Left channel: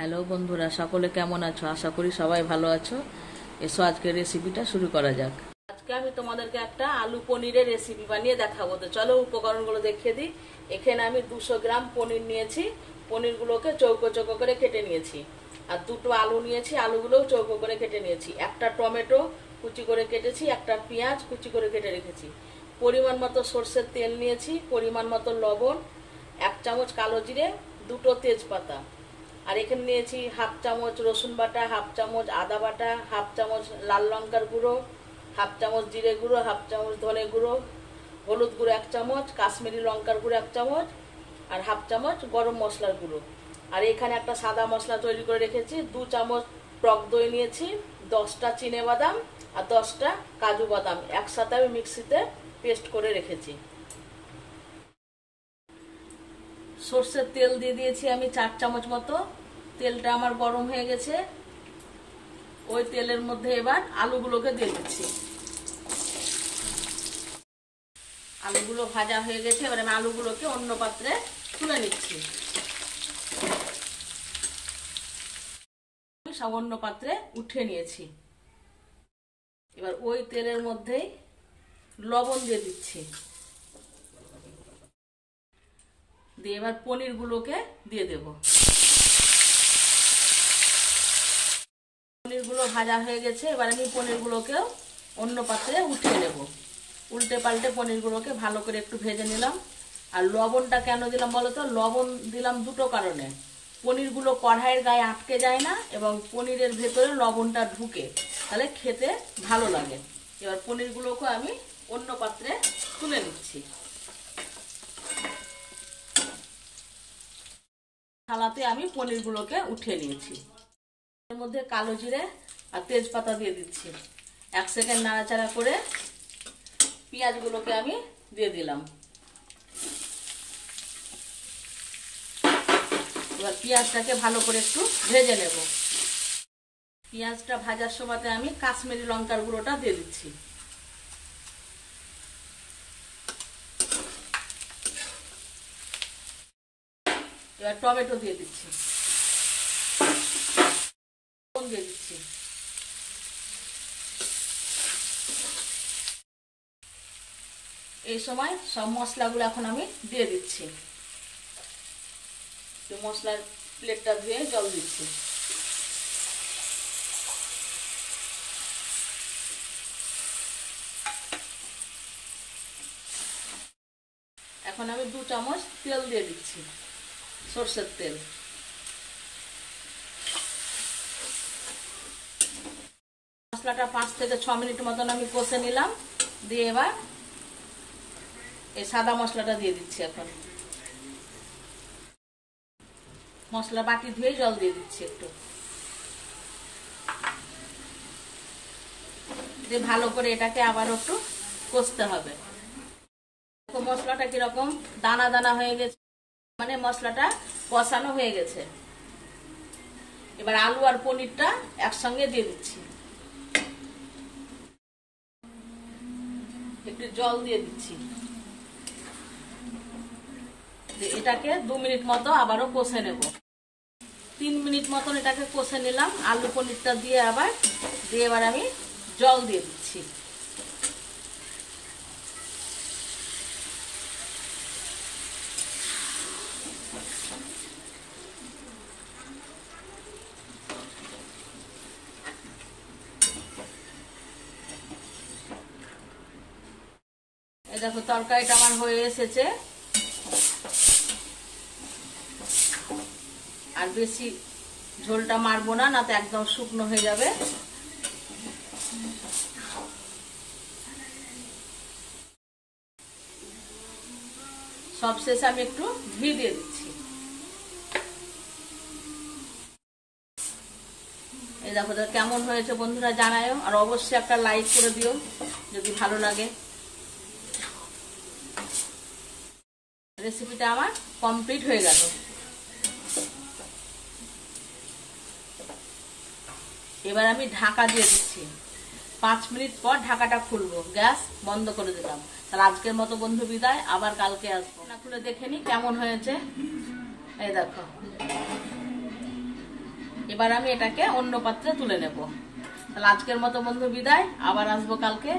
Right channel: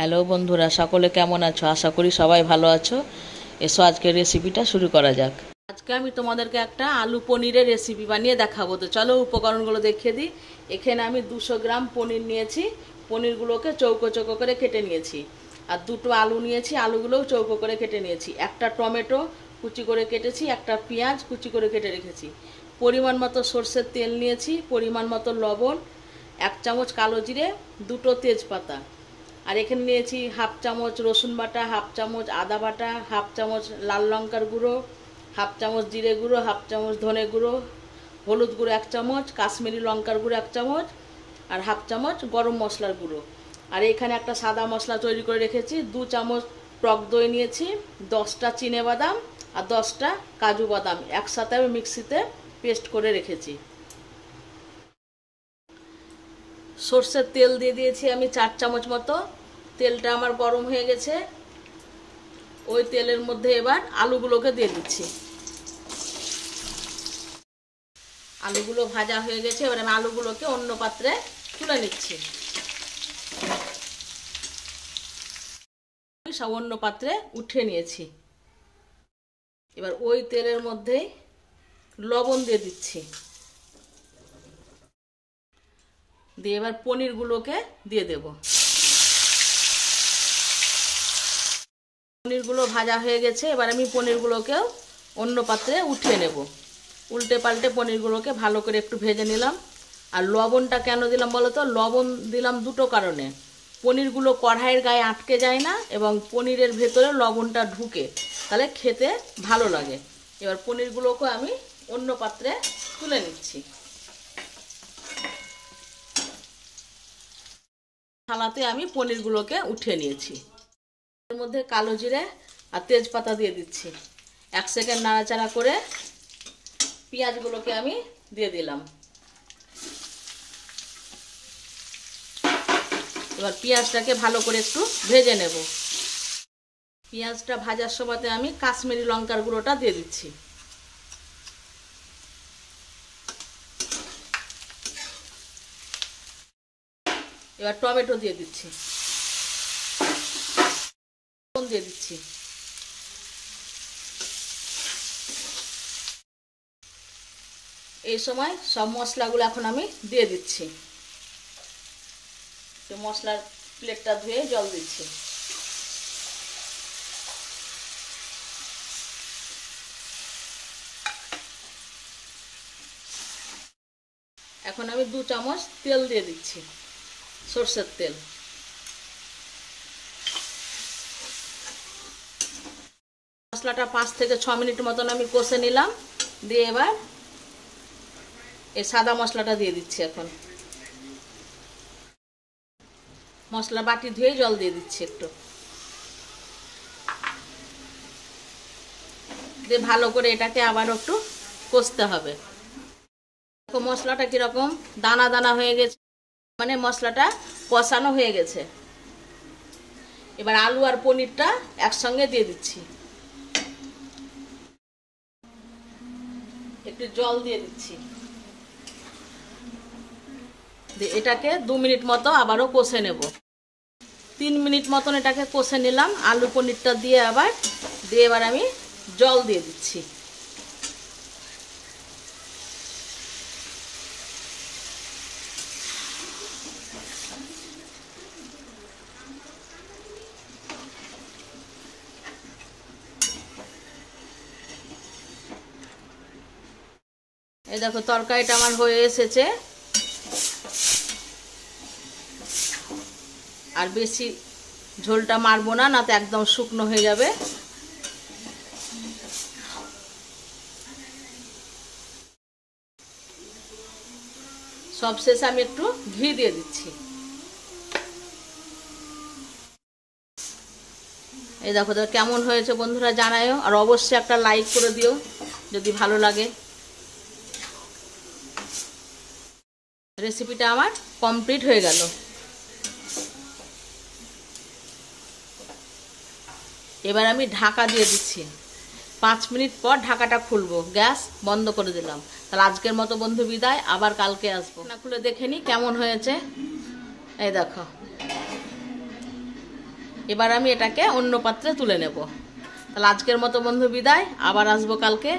Hello বন্ধুরা, সকলে কেমন আছো? আশা করি সবাই ভালো আছো। এসো আজকের রেসিপিটা শুরু করা যাক। আজকে আমি তোমাদেরকে একটা আলু পনিরের রেসিপি বানিয়ে দেখাবো। তো চলো উপকরণগুলো দেখিয়ে দিই। এখানে আমি 200 গ্রাম পনির নিয়েছি। পনিরগুলোকে চৌকো চৌকো করে কেটে নিয়েছি। আর দুটো আলু নিয়েছি, আলুগুলোও চৌকো করে কেটে নিয়েছি। একটা টমেটো কুচি করে কেটেছি, একটা পেঁয়াজ কুচি করে কেটে রেখেছি। পরিমাণ মতো সরষের তেল নিয়েছি, পরিমাণ মতো লবণ, 1 চামচ কালো জিরে, দুটো তেজপাতা। আর এখানে নিয়েছি হাফ চামচ রসুন বাটা, হাফ চামচ আদা বাটা, হাফ চামচ লাল লঙ্কার গুঁড়ো, হাফ চামচ জিরে গুঁড়ো, হাফ চামচ ধনে গুঁড়ো, হলুদ গুঁড়ো 1 চামচ, কাশ্মীরি লঙ্কার গুঁড়ো 1 চামচ, আর হাফ চামচ গরম মশলার গুঁড়ো। আর এখানে একটা সাদা মশলা তৈরি করে রেখেছি। 2 চামচ টক দই নিয়েছি, 10টা চিনে বাদাম আর 10টা কাজু বাদাম একসাথে আমি মিক্সিতে পেস্ট করে রেখেছি। সরষের তেল দিয়ে দিয়েছি আমি 4 চামচ মতো। তেলটা আমার গরম হয়ে গেছে। ওই তেলের মধ্যে এবার আলুগুলোকে দিয়ে দিচ্ছি। আলুগুলো ভাজা হয়ে গেছে, এবার আমি আলুগুলোকে অন্য পাত্রে তুলে নিচ্ছি। সব অন্য পাত্রে উঠিয়ে নিয়েছি। এবার ওই তেলের মধ্যেই লবণ দিয়ে দিচ্ছি। দিয়ে এবার পনিরগুলোকে দিয়ে দেব। পনিরগুলো ভাজা হয়ে গেছে, এবার আমি পনিরগুলোকেও অন্য পাত্রে উঠিয়ে নেব। উল্টে পাল্টে পনিরগুলোকে ভালো করে একটু ভেজে নিলাম। আর লবণটা কেন দিলাম বলো তো? লবণ দিলাম দুটো কারণে। পনিরগুলো কড়াইয়ের গায়ে আটকে যায় না এবং পনিরের ভেতরে লবণটা ঢুকে, তাহলে খেতে ভালো লাগে। এবার পনিরগুলোকে আমি অন্য পাত্রে তুলে নিচ্ছি। থালাতে আমি পনিরগুলোকে উঠিয়ে নিয়েছি। এর মধ্যে কালো জিরে আর তেজপাতা দিয়ে দিচ্ছি। 1 সেকেন্ড নাড়াচাড়া করে পেঁয়াজগুলোকে আমি দিয়ে দিলাম। এবার পেঁয়াজটাকে ভালো করে একটু ভেজে নেব। পেঁয়াজটা ভাজার সময়তে আমি কাশ্মীরি লঙ্কার গুঁড়োটা দিয়ে দিচ্ছি। এবার টমেটো দিয়ে দিচ্ছি, দিয়ে দিচ্ছি। এই সময় সব মশলাগুলো এখন আমি দিয়ে দিচ্ছি। মশলার প্লেটটা ধুয়ে জল দিচ্ছি। এখন আমি 2 চামচ তেল দিয়ে দিচ্ছি, সরষের তেল। মশলাটা 5 থেকে 6 মিনিট মতন আমি কষে নিলাম। দিয়ে এবার এই সাদা মশলাটা দিয়ে দিচ্ছি। এখন মশলা বাটি ধুয়ে জল দিয়ে দিচ্ছি একটু। দিয়ে ভালো করে এটাকে আবার একটু কষতে হবে। মশলাটা কিরকম দানা দানা হয়ে গেছে, মানে মশলাটা কষানো হয়ে গেছে। এবার আলু আর পনিরটা একসঙ্গে দিয়ে দিচ্ছি। একটু জল দিয়ে দিচ্ছি। এটাকে 2 মিনিট মতো আবারও কষে নেব। 3 মিনিট মতন এটাকে কষে নিলাম আলু পনিরটা দিয়ে। এবার আমি জল দিয়ে দিচ্ছি। এই দেখো তরকারিটা আমার হয়ে এসেছে। আর বেশি ঝোলটা মারবো না, না তো একদম শুকনো হয়ে যাবে। সবশেষে আমি একটু ঘি দিয়ে দিচ্ছি। এই দেখো কেমন হয়েছে বন্ধুরা জানায়ও। আর অবশ্যই একটা লাইক করে দিও যদি ভালো লাগে। রেসিপিটা আমার কমপ্লিট হয়ে গেল। এবার আমি ঢাকা দিয়ে দিচ্ছি। 5 মিনিট পর ঢাকাটা খুলবো। গ্যাস বন্ধ করে দিলাম। তাহলে আজকের মতো বন্ধু বিদায়, আবার কালকে আসবো। না খুলে দেখে নি কেমন হয়েছে। এই দেখো এবার আমি এটাকে অন্য পাত্রে তুলে নেব। তাহলে আজকের মতো বন্ধু বিদায়, আবার আসবো কালকে।